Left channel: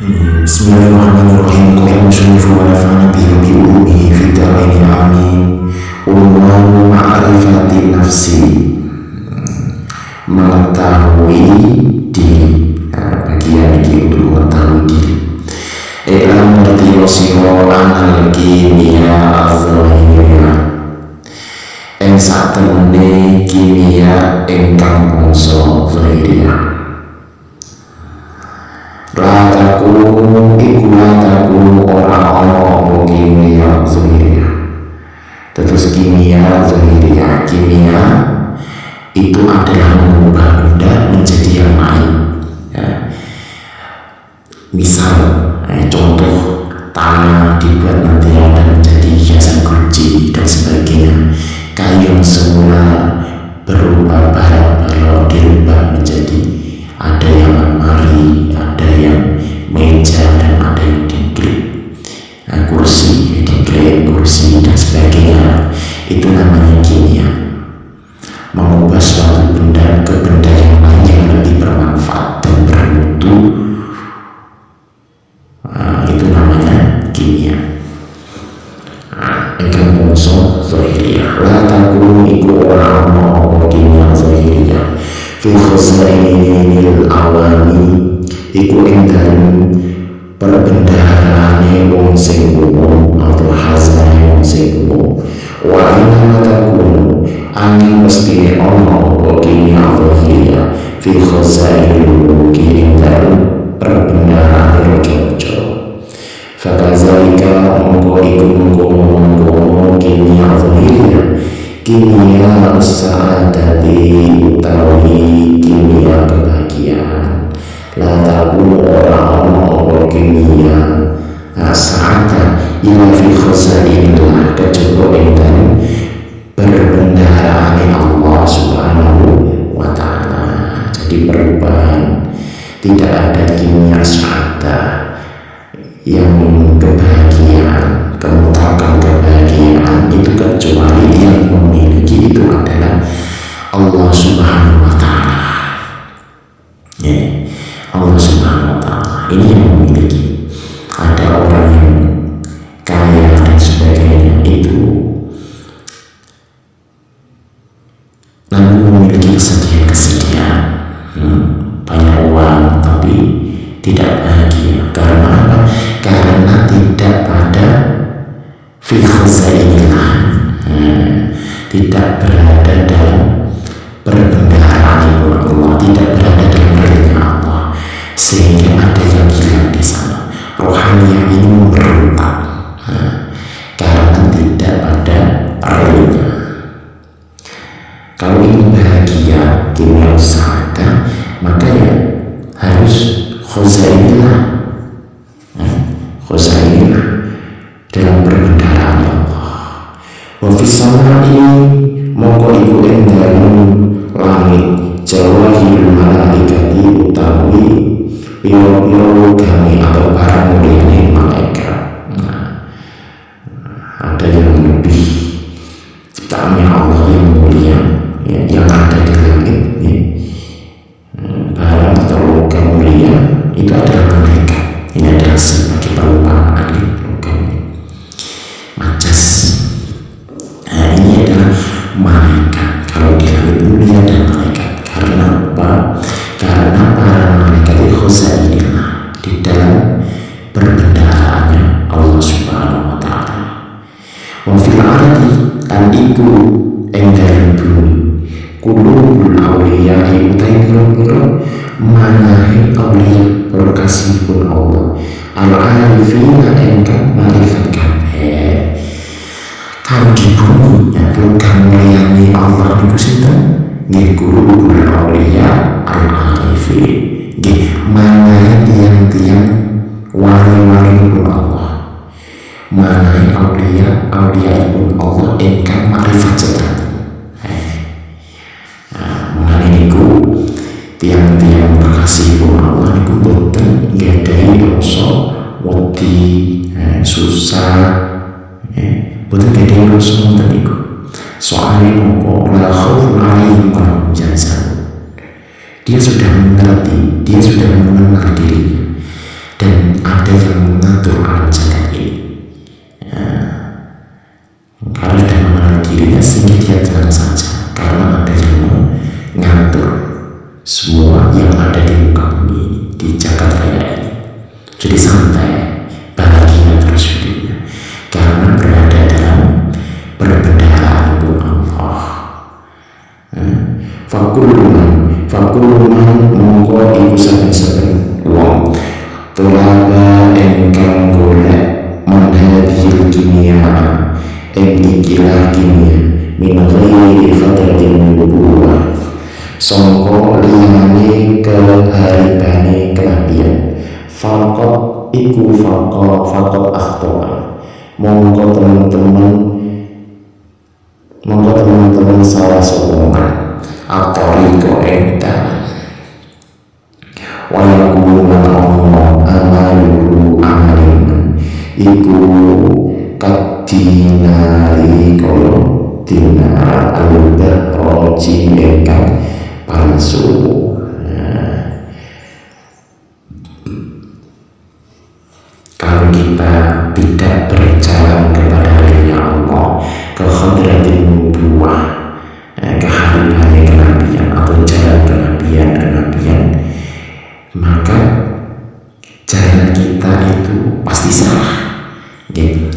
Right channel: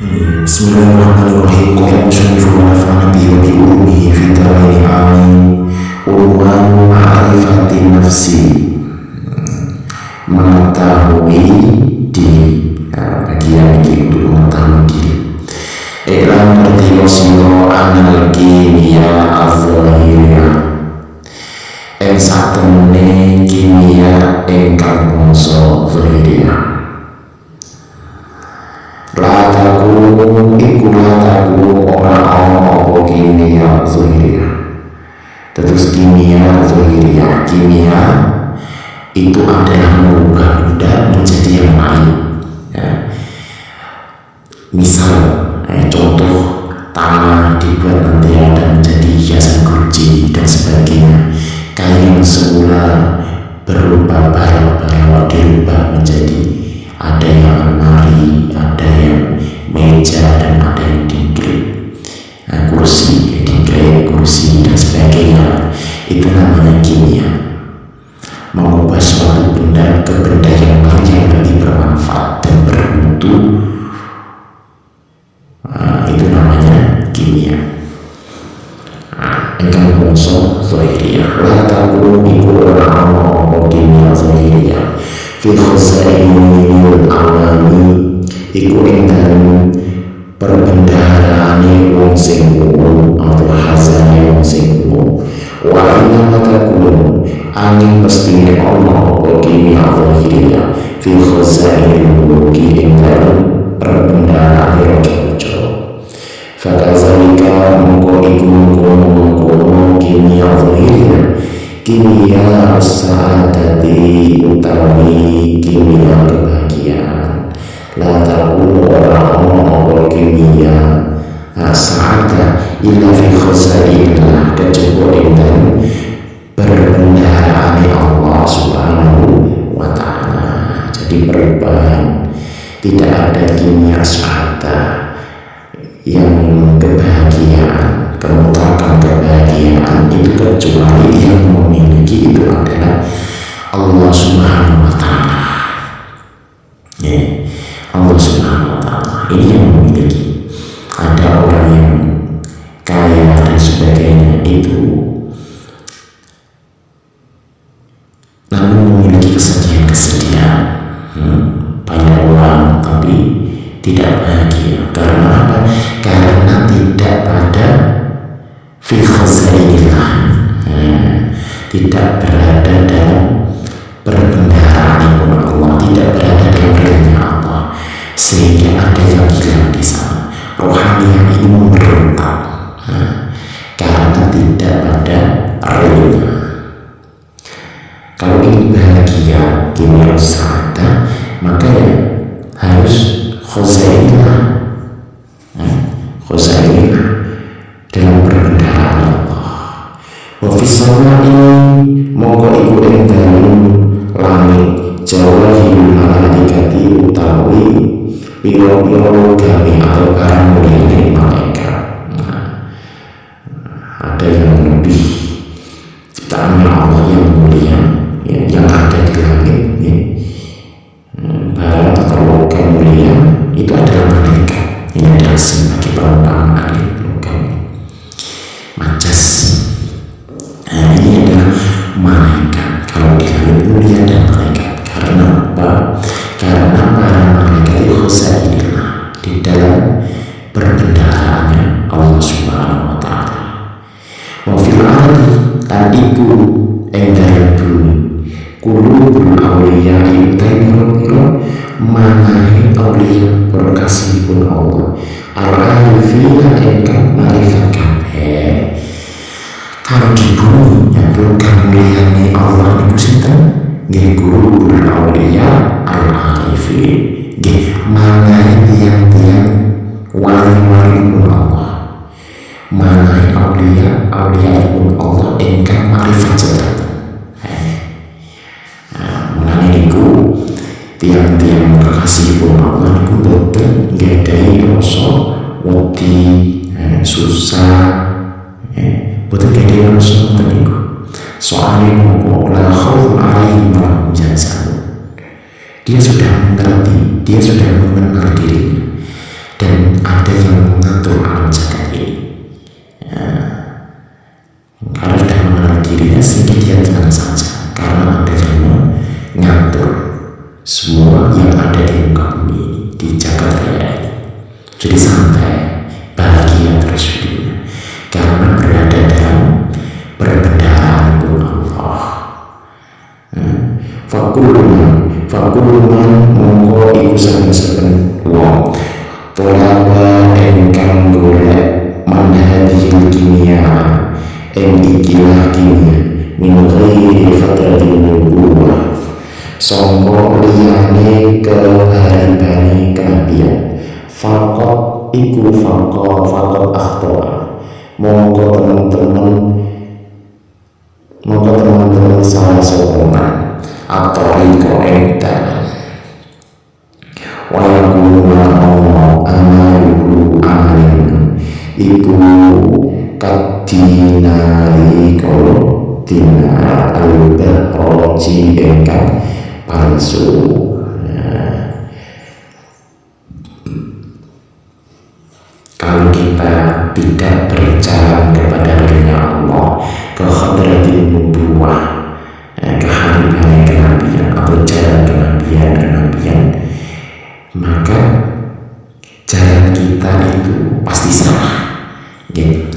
Bismillahirrahmanirrahim. Qala musannifu wa nafa'ana bihi wa bi ulumihi fid dharaini amin. Unwanu ma'rifati nafsi, mengetahui diri. Bagian ini untuk mengetahui diri. Iklan ngerti sira anal kimia az-zahiriyah, ing satemene kimia ingkang bangsa zahiriyah. Lataku iku lataku ora ana apa kimia zahiriyah. Terus kimia zahiriyah, kimia itu adalah mengubah benda menjadi yang lain ya. Misal contoh, tanah dibuat nanti ada menjadi hiasan guci dan sebagainya. Kayu yang semula berubah balok-balok dirubah menjadi ada yang almari, ada yang meja, dan ada yang dingklik, kursi, dingklik, kursi, dan sebagainya. Itu namanya kimia. Mengubah suatu benda ke benda yang lain yang lebih bermanfaat dan bermutu. Itu namanya kimia. Engkang bangsa zahiriyah. La takunu iku ora ana apa kimia zahiriyah fi khazainil awami, iku ing dalem perbendaharaane wong sing umum atau hazane wong sing umum. Wa inna takunu angin pestine ana apa kimia zahiriyah fi khazainil muluki, ing dalem perbendaharaane raja-raja. Fakazalika mongko iku mongko kimia zahiriyah, kimia sa'adati utawi kimia kebahagiaan. La takunu ora ana apa kimia sa'ada illa fi khazainillah, kejaba ing dalem perbendaharaane Allah Subhanahu wa ta'ala. Jadi perubahan, tidak ada kimia sa'ada yang kebahagiaan, kemutlakan kebahagiaan itu kecuali yang memiliki itu adalah Allah Subhanahu wa ta'ala. Allah Subhanahu wa ta'ala ini yang memiliki. Ada orang yang kaya dan sebagainya itu namun memiliki kesedihan-kesedihan, banyak uang tapi tidak bahagia. Karena apa? Karena tidak pada fi khazainillah, tidak berada dalam perbendaharaan pun Allah, tidak berada dalam realnya Allah, sehingga ada yang hilang di sana. Rohaniah ini memberontak karena tidak pada realnya. Kalau ingin bahagia, kimia sa'adah, maka ya harus khazainillah, khazainillah dalam perbendaharaan Allah. Wa fis samai mongko iku ing dalem langit jawahirul malaikati utawi piro-piro logame atau barang mulyane malaikat. Ada yang lebih ciptaannya Allah yang mulia ya, yang ada di langit ya. Barang atau logam mulia itu adalah malaikat. Ini adalah sebagai perumpamaan logam majas. Ini adalah malaikat. Kalau di langit mulia dan malaikat. Karena apa? Karena para malaikat itu khazainillah, di dalam perbendaharaannya Allah Subhanahu wa ta'ala. Wa fil ardi lan iku ing dalem bumi kulubul awliya'i utai piro-piro manahe awliya berkasihipun Allah al-arifina engkang marifat kabeh. Kalau di bumi yang logam mulyane Allah niku sinten? Nggih kulubul awliya al-arifin, nggih manahe tiang-tiang wali-walipun Allah, manahe awliya-awliyaipun Allah engkang marifat sedanten. Mulane niku tiang-tiang kekasihipun Allah niku boten nggadahi rasa wedi, susah, boten nggadahi rasa ngoten niku. Soalnya nopo la khaufun alaihim wa lahum yahzanun. Dia sudah mengerti, dia sudah mengenal dirinya, dan ada yang mengatur alam jagat ini. Karena sudah mengenal dirinya sehingga dia tenang saja, karena ada yang mengatur semua yang ada di muka bumi ini, di jagat raya ini. Jadi santai, bahagia terus hidupnya, karena berada dalam perbendaharaan pun Allah. Fakulluman mongko iku saben-saben wong tolaba engkang golek manhadil kimia ing ikilah kimia min ghairi khadratin nubuwah sangka liyane keharibane kenabian fakot iku fakot akhtoa mongko teman-teman salah sokongan atoriko ing dalan wayakulu Allah amalu amalin iku kadinari kaya dinar al-bahroji engkang palsu. Kalau kita tidak berjalan kepada ridha Allah, ke hadratin nubuwah, keharibannya kenabian atau jalan kenabian, maka jalan kita itu pasti salah.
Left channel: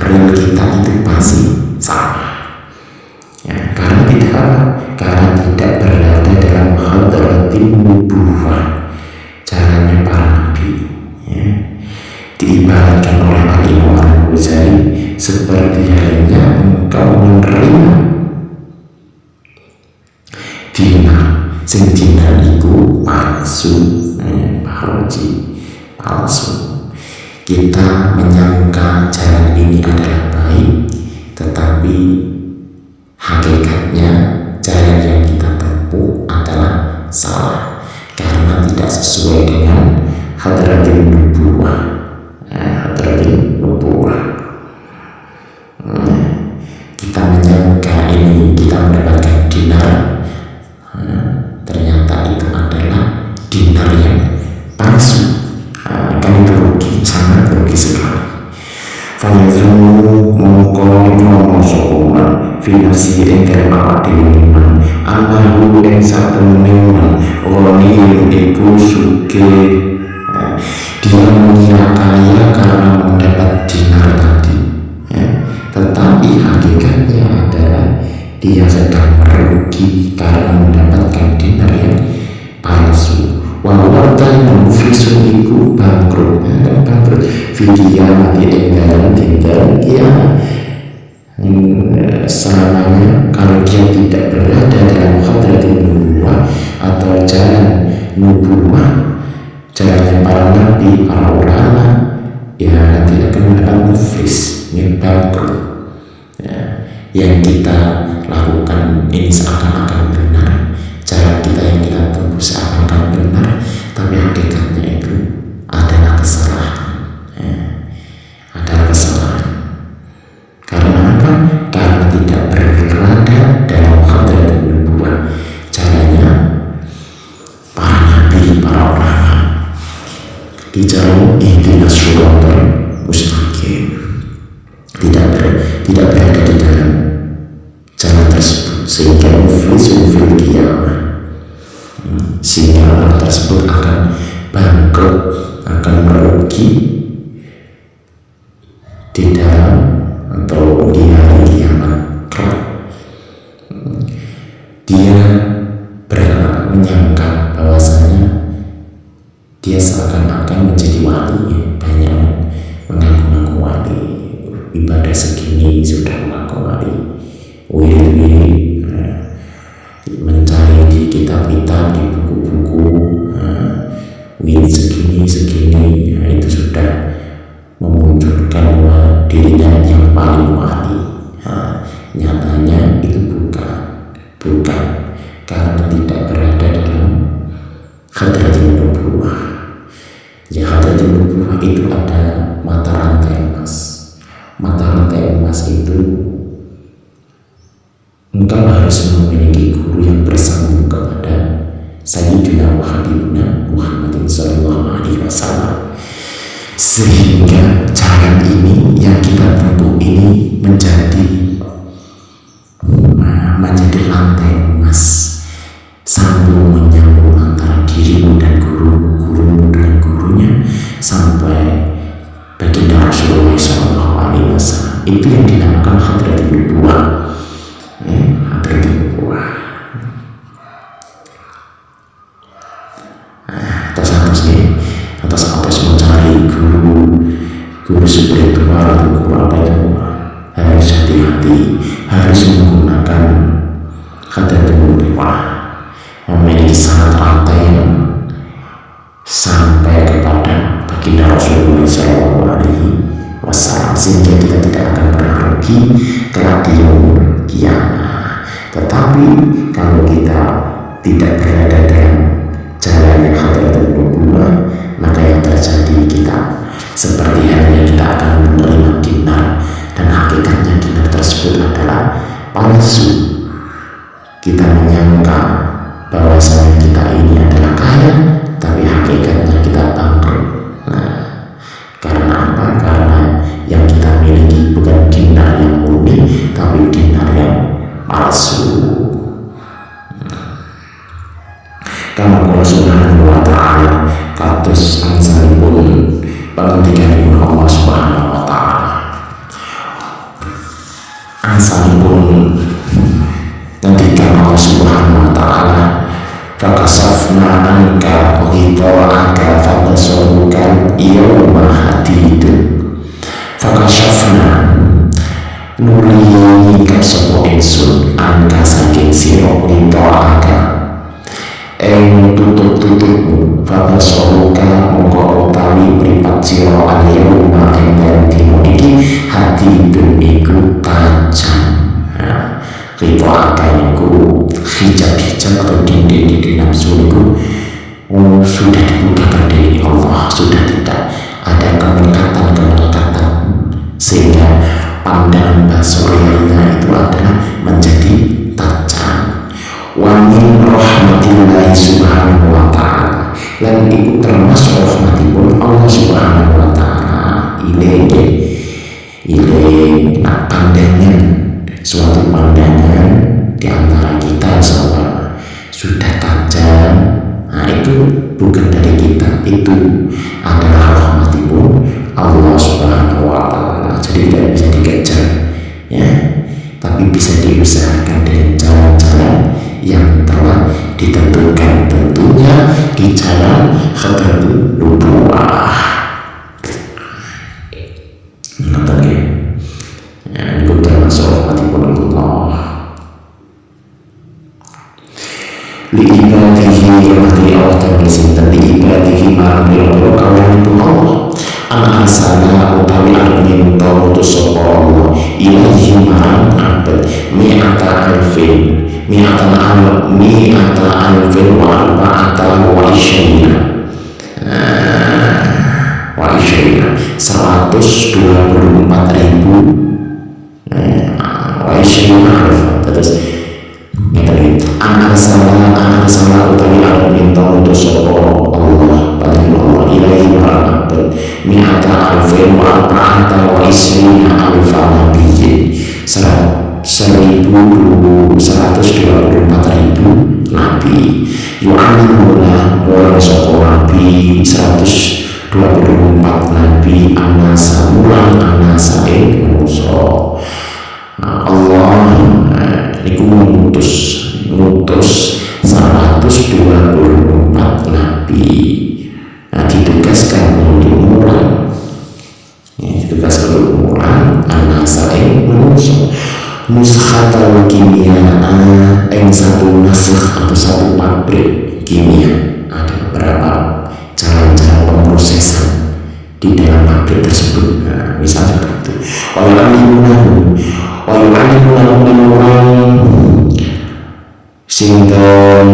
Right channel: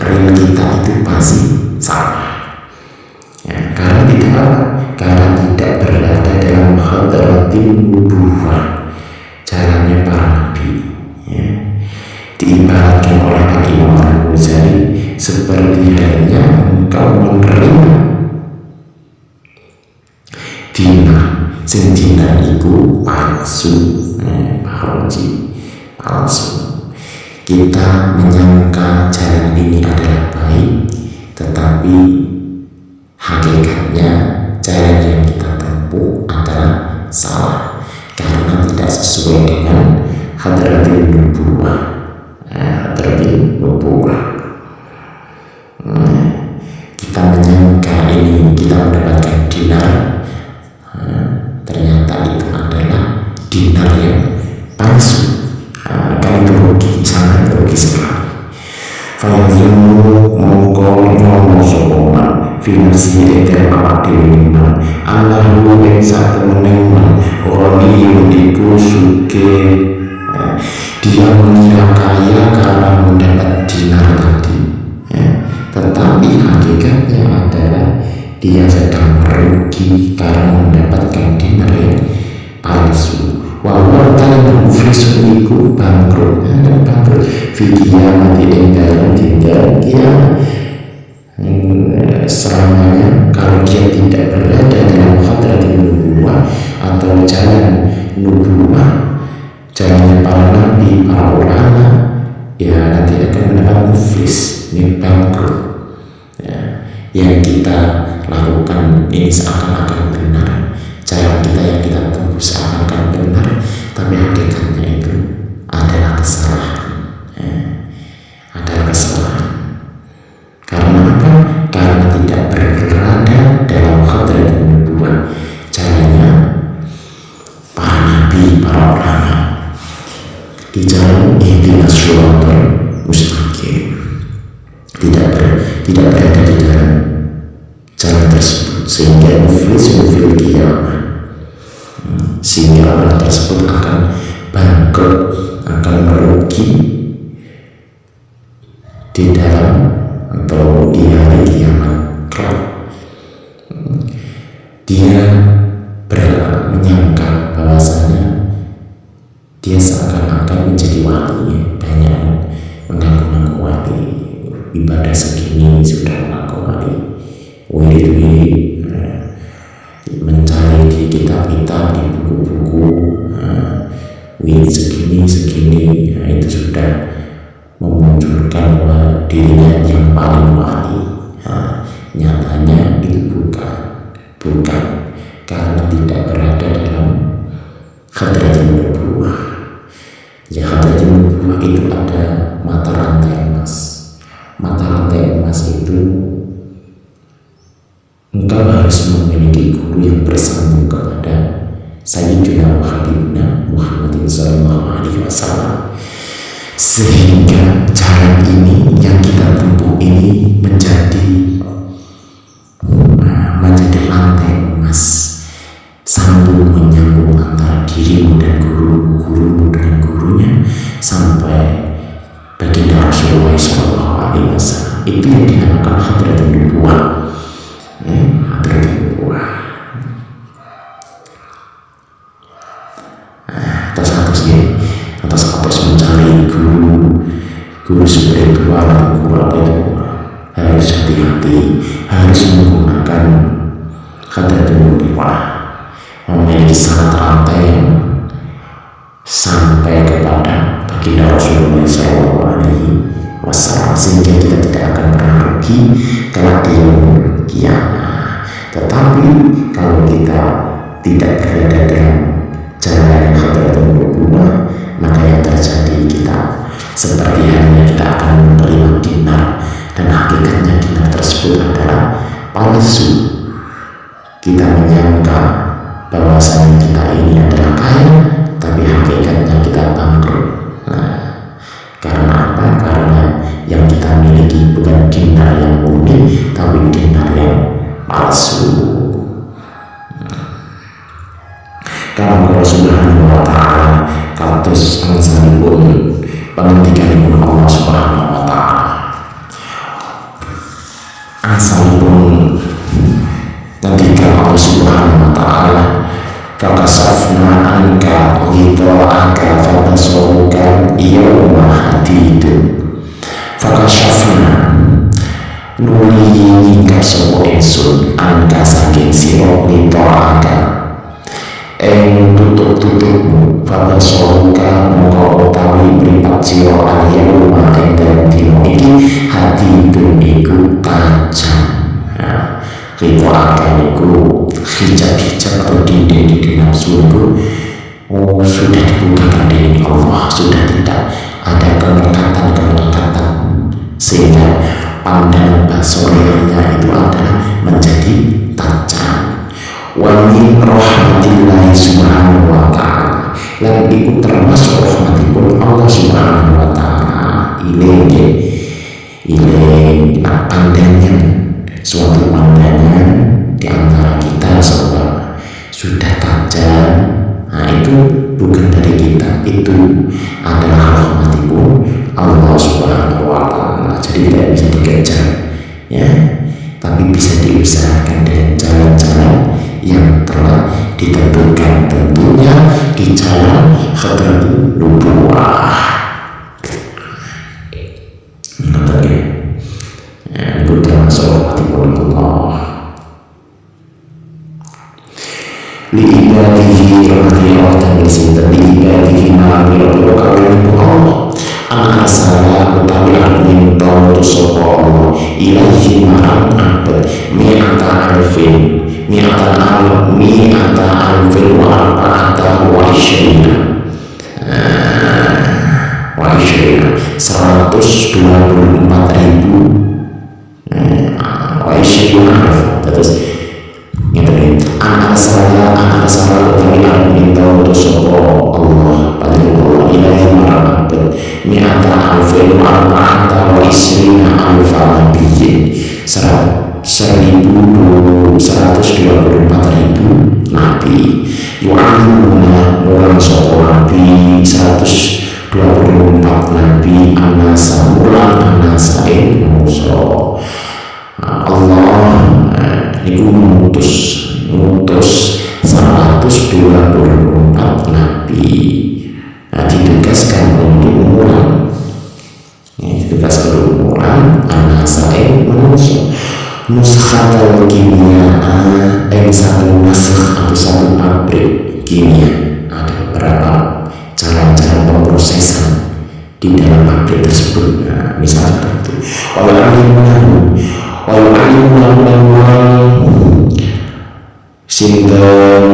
Real kita itu pasti salah. Karena tidak apa? Karena tidak berada dalam hadratin nubuwah, jalannya para nabi. Diibaratkan oleh Al-Imam Al-Ghazali seperti halnya engkau menerima dinar, sing dinar itu palsu, palsu. Kita menyangka jalan ini adalah baik, tetapi hakikatnya jalan yang kita tempuh adalah salah karena tidak sesuai dengan hadratin nubuwah. Kita menyangka ini kita mendapatkan dinar, ternyata itu adalah dinar yang palsu. Kan itu rugi, sangat rugi sekali. Fayazumu mongko nyono sokoman fi nafsihi ing dalam awak dhewe man annahu ing satemene man ghaniyun iku sugih. Dia mengira kaya karena mendapat dinar tadi, tetapi hakikatnya adalah dia sedang merugi karena mendapatkan dinar yang palsu. Walau kalian muflisun iku bangkrut, bangkrut fi qiyamati ing dalam dinten kiamat. Selamanya kalau dia tidak berada dalam hadratin nubuwah atau jalan nubuwah, jalannya para nabi, para ulama, ya nanti akan mendapat muflis, bangkrut. Yang kita lakukan ini seakan-akan benar, jalan kita yang kita tempuh seakan-akan benar, tapi hakikatnya itu adalah kesalahan. Adalah kesalahan. Karena apa? Karena tidak berada dalam hadratin nubuwah, jalannya para nabi, para ulama di jalan ihdinas syiratal mustaqim, tidak berada di dalam jalan tersebut, sehingga muflisun fil qiyamah, sehingga orang tersebut akan bangkrut, akan merugi di dalam atau di hari kiamat kelak. Dia menyangka bahwasanya dia seakan-akan menjadi wali, banyak mengaku-ngaku wali, ibadah segini sudah mengaku wali, wirid mencari di kitab-kitab, di buku-buku, wirid segini, itu sudah memunculkan bahwa dirinya yang paling wali. Nyatanya itu bukan, karena tidak berada dalam hadratin nubuwah. Ya, hadratin nubuwah itu ada mata rantai emas. Mata rantai emas itu engkau harus memiliki guru yang bersambung kepada Sayyidina wa Habibuna Muhammadin sallallahu alaihi wasallam. sehingga jalan ini yang kita tempuh ini menjadi rantai emas, sambung menyambung antara dirimu dan gurumu dengan gurunya sampai baginda Rasulullah SAW. Itu yang dinamakan hadratul nubuwah. Hadratul nubuwah. Atas mencari guru spiritual atau guru apa itu, harus hati-hati, harus menggunakan hadratul nubuwah, memiliki sanad rantai yang sampai kepada baginda Rasulullah SAW, sehingga kita tidak akan pernah rugi kelak di yaumul qiyamah. Tetapi kalau kita tidak berada dalam jalan yang hadratul nubuwah, maka yang terjadi kita seperti halnya kita akan menerima dinar, dan hakikatnya dinar tersebut adalah palsu. Kita menyangka bahwasanya kita ini adalah kaya, tapi hakikatnya kita bangkrut. Karena apa? Karena yang kita miliki bukan dinar yang murni, tapi dinar yang palsu. Kama qala subhanahu wa ta'ala, kados angsanipun pangandikanipun Allah subhanahu wa ta'ala, angsanipun ngendikan Allah subhanahu wa ta'ala, fakasafna anka ghita'aka fabasaruka yawma hadidun. Fakasafna nuli nyingkap sapa ingsun anka saking sira ghita'aka ing tutup-tutupmu, fabasaruka mongko utawi mripat sira al-yawma ing dalem dina iki hadidun iku tajam. Rito akan itu hijab-hijab atau dinding-dinding nafsu itu sudah dibukakan dari Allah, sudah tidak ada kemekatan, sehingga pandangan basoriahnya itu adalah menjadi tajam. Wa min rahmatillahi subhanahu wa ta'ala, lan itu termasuk rahmatipun Allah subhanahu wa ta'ala. Ile nak pandangan, suatu pandangan di antara kita semua sudah tajam, itu bukan dari kita, itu adalah rahmatipun Allah subhanahu wa ta'ala. Jadi tidak bisa dikejar, ya, tapi bisa diusahakan dengan jalan-jalan yang telah ditentukan, tentunya di jalan hadratul nubuwah. Nonton ya, itu termasuk rahmatipun Allah. Li ibadihi, rahmati Allah dan sinten li ibadihi marang pira-pira kawulipun Allah, an arsala utawi arep minta utus sapa Allah ilaihi marang abad mi'ata alfin wa arba'ata wa isyrina 124.000 wa isyrina alf. Terus ngeten an arsala utawi arep minta utus sapa Allah paling Allah ilaihi marang abad mi'ata alfin wa arba'ata wa isyrina alfa nabiyyin 124.000 nabi yu'alimuna mulang sapa nabi 124 nabi annasa mulang annasa ing manusa. Allah niku ngutus 124 nabi, ditugaskan untuk mulang, ditugaskan untuk mulang annasa ing manusa. Nusakhatal kimia yang satu nasakh atau satu pabrik kimia, ada beberapa jalan-jalan pemrosesan di dalam pabrik tersebut. Misalnya seperti itu. Wa yu'allimunahu dan mulai sinten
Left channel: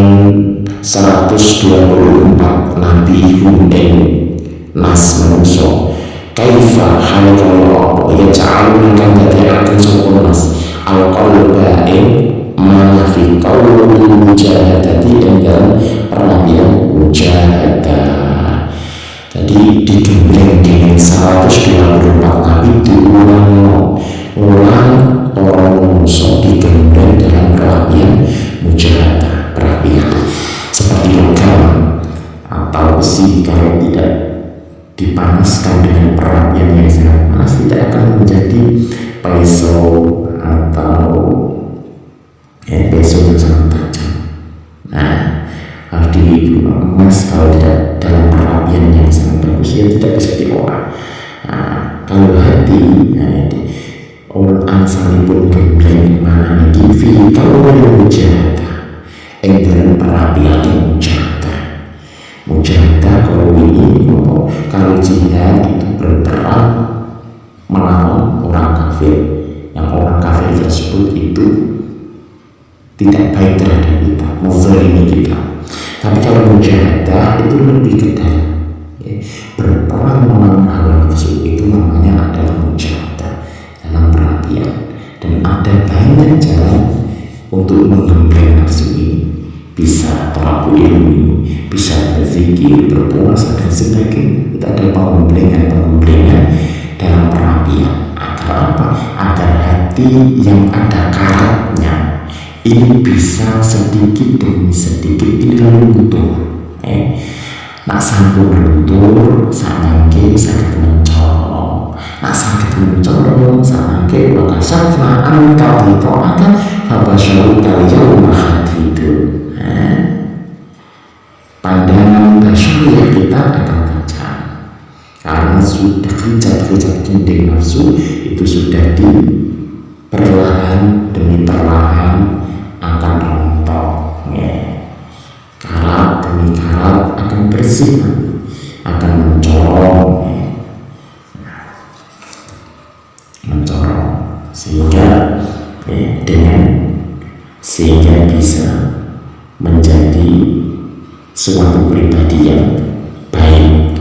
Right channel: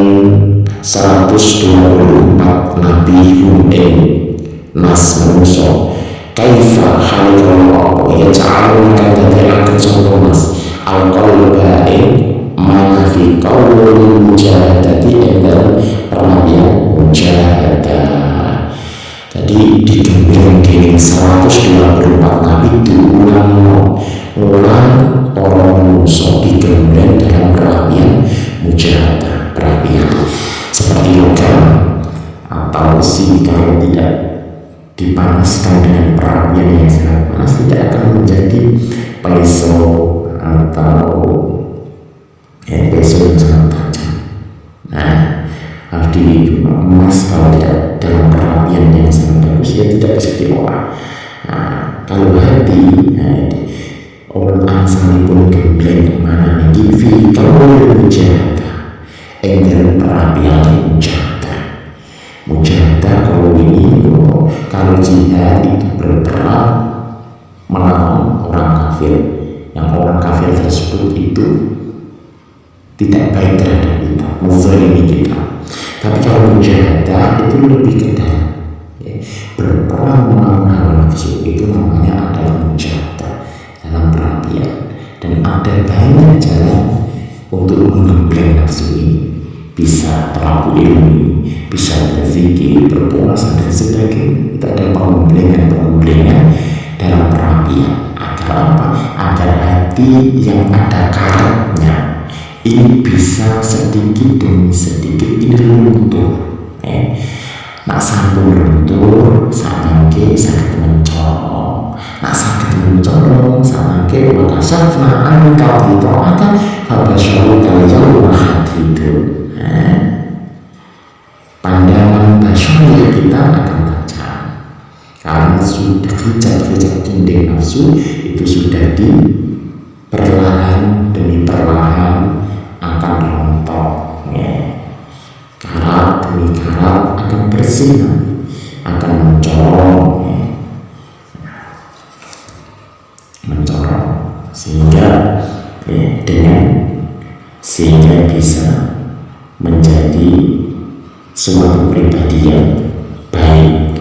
124 nabi hum ing nas manusa kaifa halakal apa ya ja'aluna kang dadekaken sapa nas al-qalba ing mana fi qaulil mujahadati ing dalem perawian mujahadah. Jadi digembleng dening 124 nabi diulang-ulang orang menungso digembleng dalam perapian mujahadah, perapian seperti logam atau besi kalau tidak dipanaskan dengan perapian yang sangat panas tidak akan menjadi pisau atau pisau yang sangat tajam. Nah, harus emas kalau tidak dalam perapian yang sangat bagus ya tidak bisa diolah. Nah, kalau hati orang angsani pun gembleng mana nih fi kalau yang mujahadah yang dalam perapian yang mujahadah kalau ini kalau jihad itu berperang melawan orang kafir yang orang kafir tersebut itu tidak baik terhadap kita, menzalimi kita. Tapi kalau mujahadah itu lebih ke dalam ya. Berperang melawan hawa nafsu itu namanya adalah mujahadah dalam perapian, dan ada banyak jalan untuk menggembleng nafsu ini. Bisa terapu ilmu, bisa berzikir, berpuasa dan sebagainya. Itu ada penggemblengan dalam perapian. Agar apa? Agar hati yang ada karatnya ini bisa sedikit demi sedikit ini luntur. Nak sampun luntur, sakmangke saged mencolong. Nak saged mencolong, sakmangke maka syafna an kadito akan habasyaru kal yauma hadidun. Pandangan basyariah kita akan tajam karena sudah kejap-kejap dinding nafsu itu sudah perlahan demi perlahan akan rontok ya. Karat demi karat akan bersih nanti, akan mencorong sehingga sehingga bisa menjadi suatu pribadi yang baik,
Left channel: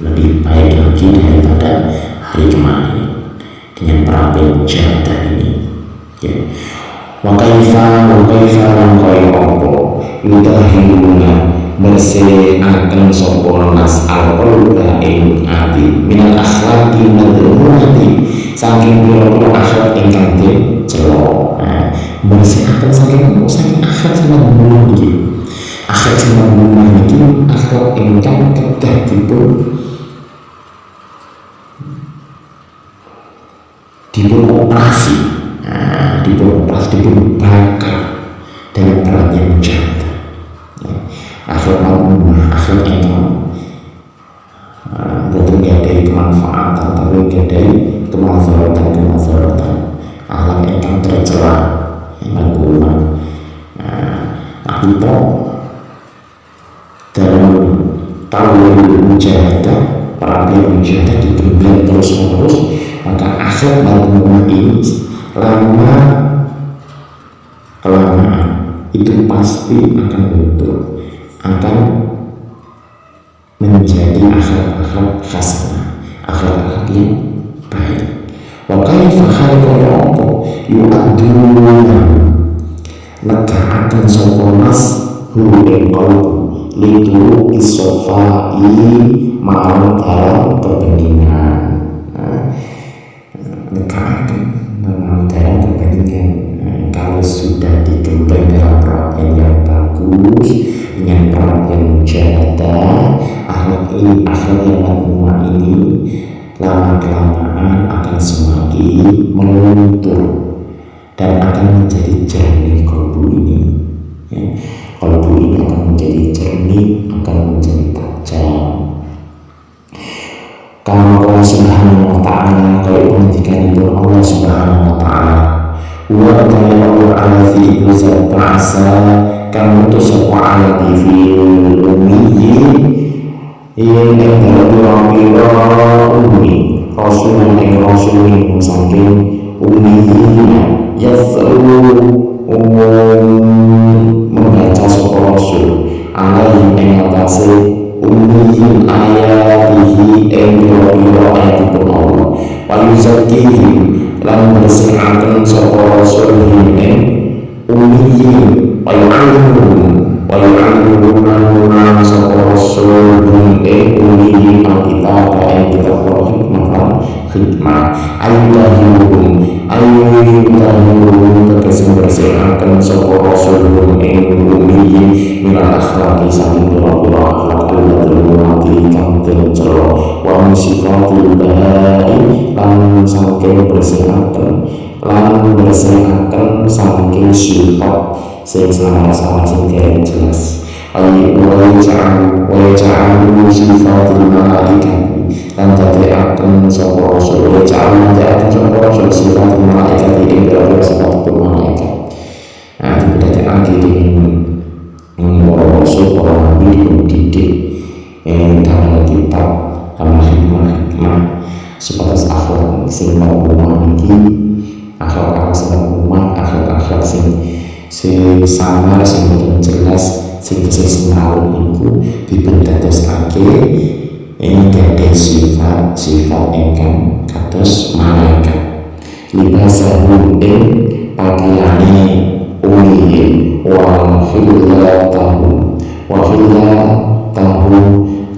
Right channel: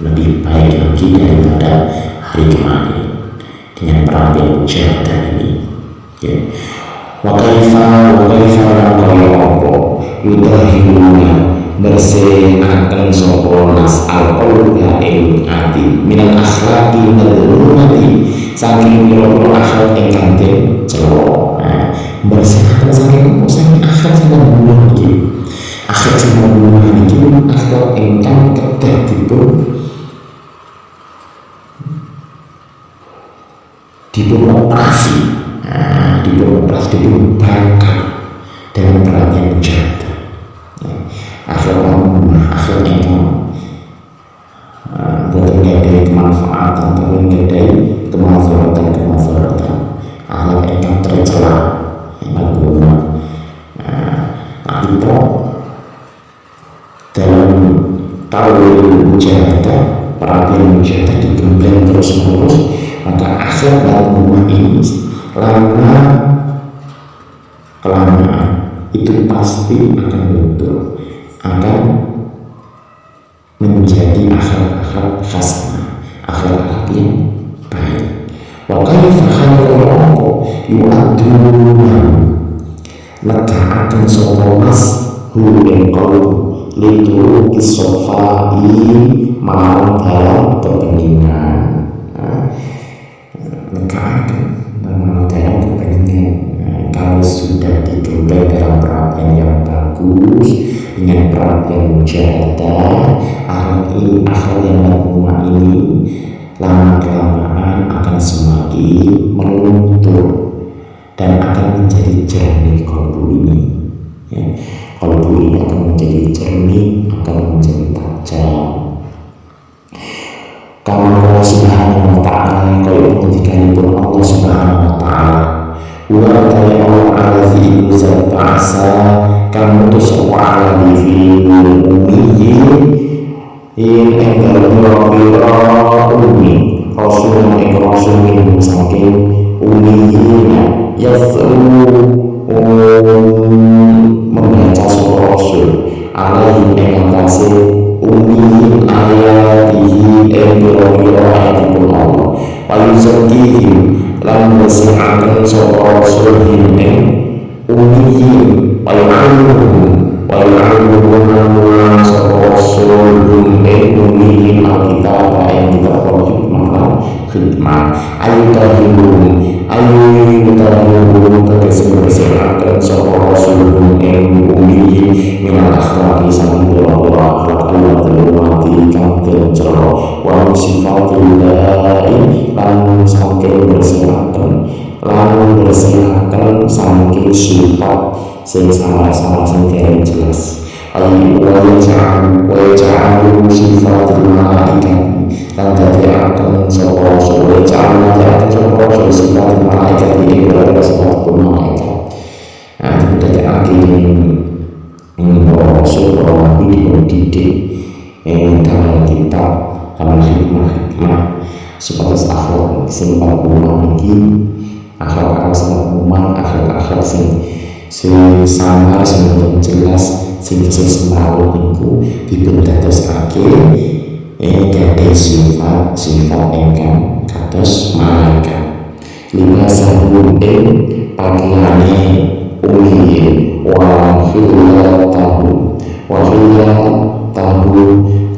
lebih baik lagi daripada hari kemarin dengan perapian mujahadah ini ya. Wa kaifa lan kaya apa yudahiruna bersihkan sapa nas alqalba ing ati minal akhlaqi madhurati saking pira-pira akhlak ingkang dicela. Bersihkan saking akhlak sama buah niki. Akhlak sama buah niki akhlak ingkang kedah dipun operasi, dipun bakar dalam perapian mujahadah. Akhlak marhumah, akhlak ingkang boten gadai kemanfaatan tapi gadai kemazharatan. Akhlak ingkang tercela marhumah. Itu dalam tahun mujahadah, perapian mujahadah digembleng terus menerus, maka akhlak marhumah ini kelamaan itu pasti akan luntur, akan menjadi akhlak hasanah, akhlak yang baik. Wa kaifa khalaqu apa yu'adduna negaaken sapa nas hu ing qalbu lituru isofai marang dalam kebeningan. Negaaken marang dalam kebeningan. Kalau sudah digembleng dalam perapian yang bagus dengan perapian mujahadah, akhlak yang marhumah ini lama kelamaan akan semakin meluntur dan akan menjadi jernih kalbu ini ya. Kalbu ini akan menjadi jernih, akan menjadi tajam. Kama Allah subhanahu wa ta'ala, kalau penghentikanipun Allah subhanahu wa ta'ala, wa ta'ala Allah alazi iku zat ba'asa kang mutus sapa alazi fi ummiyi ing enggal pira-pira ummi rasulan ing rasul min saking ummiyin yasru membaca sapa rasul alaihi ing atase ummiyin ayatihi ing pira-pira ayatipun Allah wa yuzakkihim lan bersihaken sapa rasul ing ummiyin wa yu'allimuhum lan sapa rasul hum ummi alkitab ing kitab wal hikmah ayu tahirum tegese bersihaken sapa rasul hum ummi minal akhlaqi saking pira-pira akhlak al-madlumati kang den cela wa sifatil ba'i lan saking bersihaken saking sifat sing samar-samar sing dereng jelas wa ja'alu sifatil malaikat lan dadekaken sapa rasul sifatil malaikat ing pira-pira sifat malaikat. Nah, didadekake dening para rasul para nabi dididik dalam kitab dalam hikmah sebatas akhlak sing rumah iki akhlak sing samar sing boten jelas sing tesih semrawut niku dipundadosake gadhah sifat ingkang kados malaikat libasahu ing pakaiane umiyin wa khillatahu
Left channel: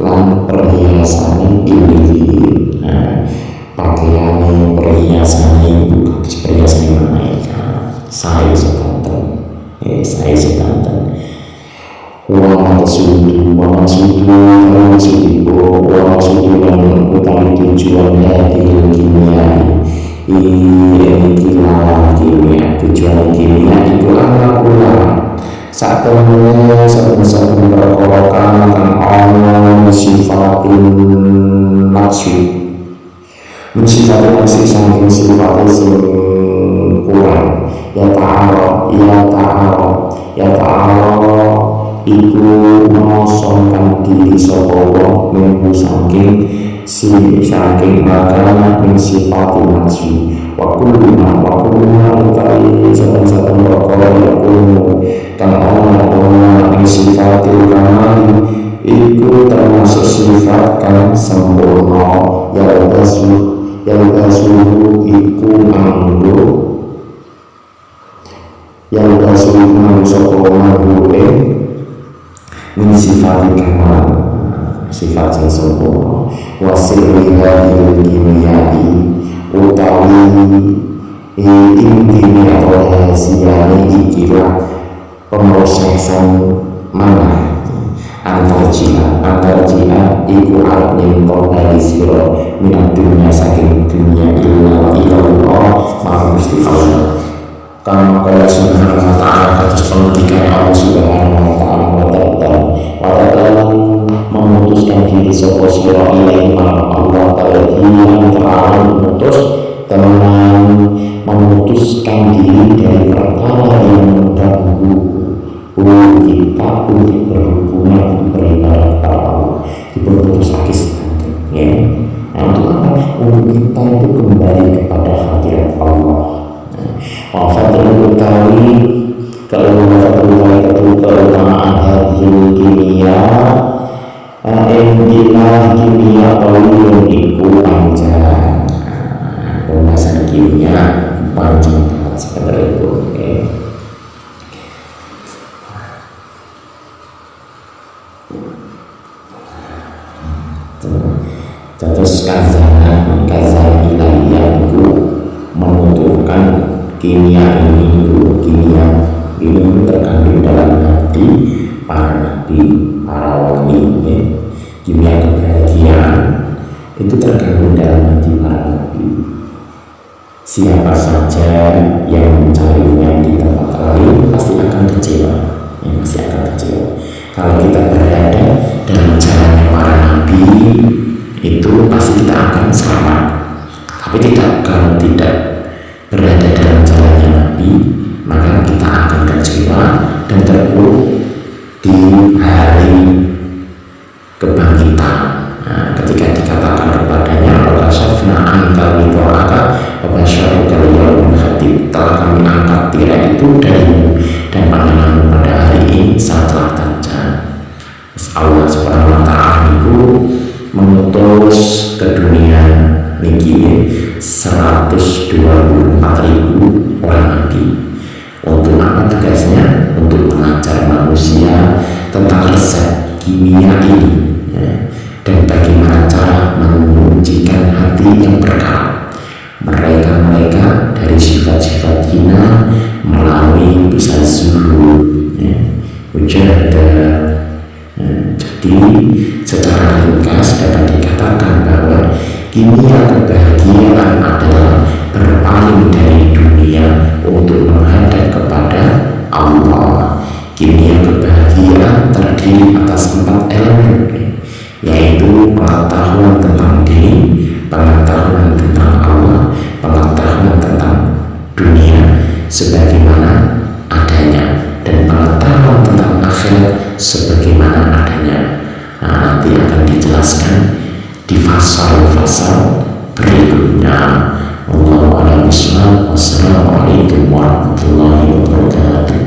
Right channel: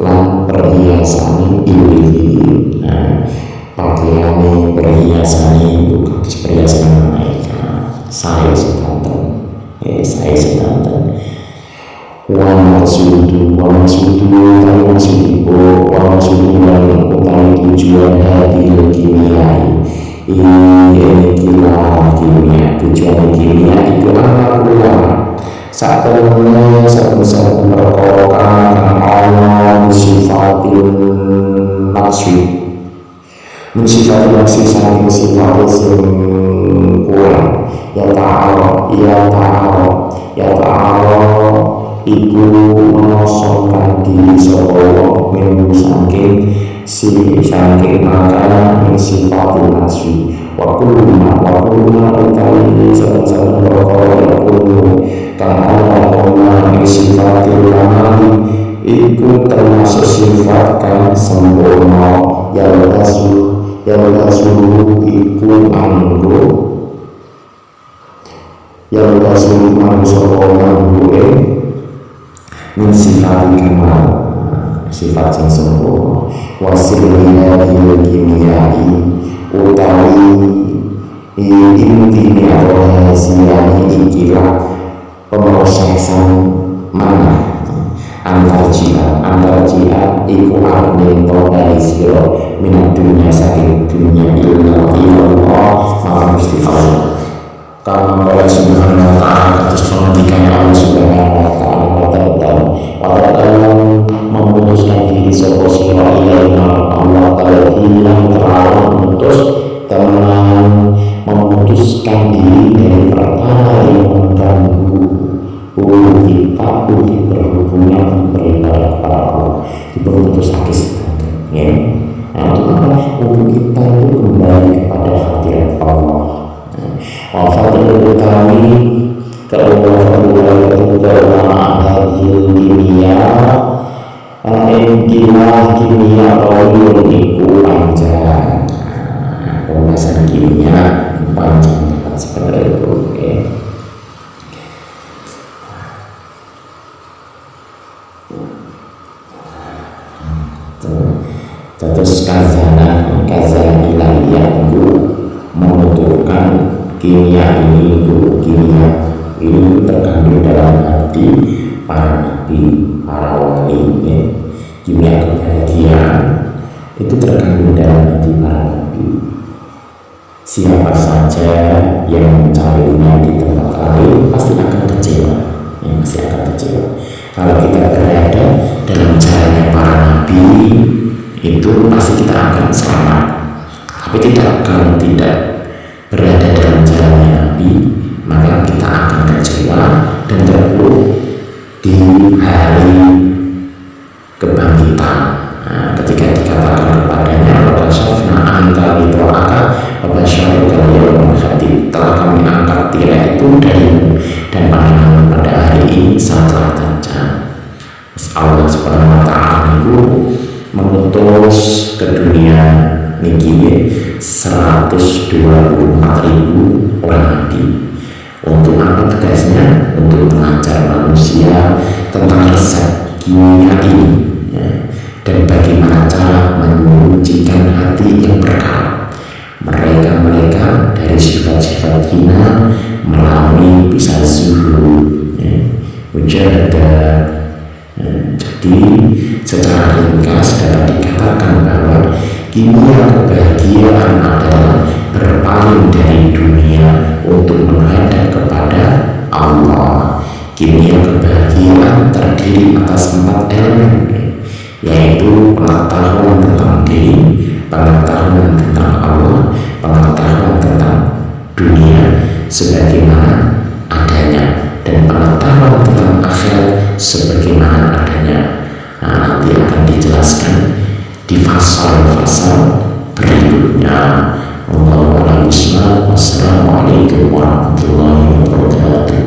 lan perhiasane iwihi. Nah, pakaiane perhiasane itu kados perhiasane malaikat saya sedanten wa maksudu lan utami tujuan hadil kimia tujuan kimia itu anak ulama saat saben perkara kang ana sifatin nafsi saking sifatnya sing kurang ya ta'ala iku mengosongkan diri sapa wong minggu saking maka min sifatil nafsi wa kullu utawi saben perkara ya kullu kang ana min sifatil kamali iku termasuk sifat kang sempurna ya basu iku anggo yang rasul sapa manhu'e min sifati kamal sifat sing sempurna wa sirri hadil kimiyai utawi intine atau rahasiane ikilah pemrosesan manah antar jia iku arep nyento bali sira minat dunia saking dunia ilmu ilallah marang Gusti Allah kama qala subhanahu wa ta'ala kados pengendikannya Allah subhanahu wa ta'ala wa ta'ala memutuskan diri sapa sira ilahi Allah ta'ala memutuskan diri dari perkara yang mengganggu kita untuk berhubungan beribadah kepada Allah diputus akis ya. Nah, untuk apa? Untuk kita itu kembali kepada hadirat Allah. Wafatul utawi keutamaan hadhil kimia kimia tawiyun iku panjang pembahasan kimia panjang banget sebenarnya itu terus kazana ilahiyah itu menuturkan kimia ini terkandung dalam hati para nabi, para wali ya. Kimia kebahagiaan itu terkandung dalam hati para nabi. Siapa saja yang mencarinya di tempat lain pasti akan kecewa kalau kita berada dalam jalannya para nabi itu pasti kita akan selamat. Tapi kalau tidak berada dalam jalannya Nabi, maka kita akan kecewa dan terpuruk di hari kebangkitan. Nah, ketika dikatakan kepadanya, apakah syafna angka wito'aka wabasyarukal yawmal khatib, telah kami angkat tirai itu darimu dan pandanganmu pada hari ini sangatlah tajam. Allah subhanahu wa ta'ala itu mengutus ke dunia niki 124.000 orang nabi. Untuk apa tugasnya? Untuk mengajar manusia tentang resep kimia ini, ya, dan bagaimana cara menyucikan hati yang berkarat mereka dari sifat-sifat hina melalui bisa zuhud, ya, mujahadah. Jadi secara ringkas dapat dikatakan bahwa kimia kebahagiaan adalah berpaling dari dunia untuk menghadap kepada Allah. Kimia kebahagiaan terdiri atas 4 elemen, yaitu pengetahuan tentang diri, pengetahuan tentang Allah, pengetahuan tentang dunia sebagaimana adanya, dan pengetahuan tentang akhirat sebagaimana adanya. Nanti akan dijelaskan di fasal-fasal berikutnya. Wallahu a'lam bishawab. Wassalamualaikum warahmatullahi wabarakatuh.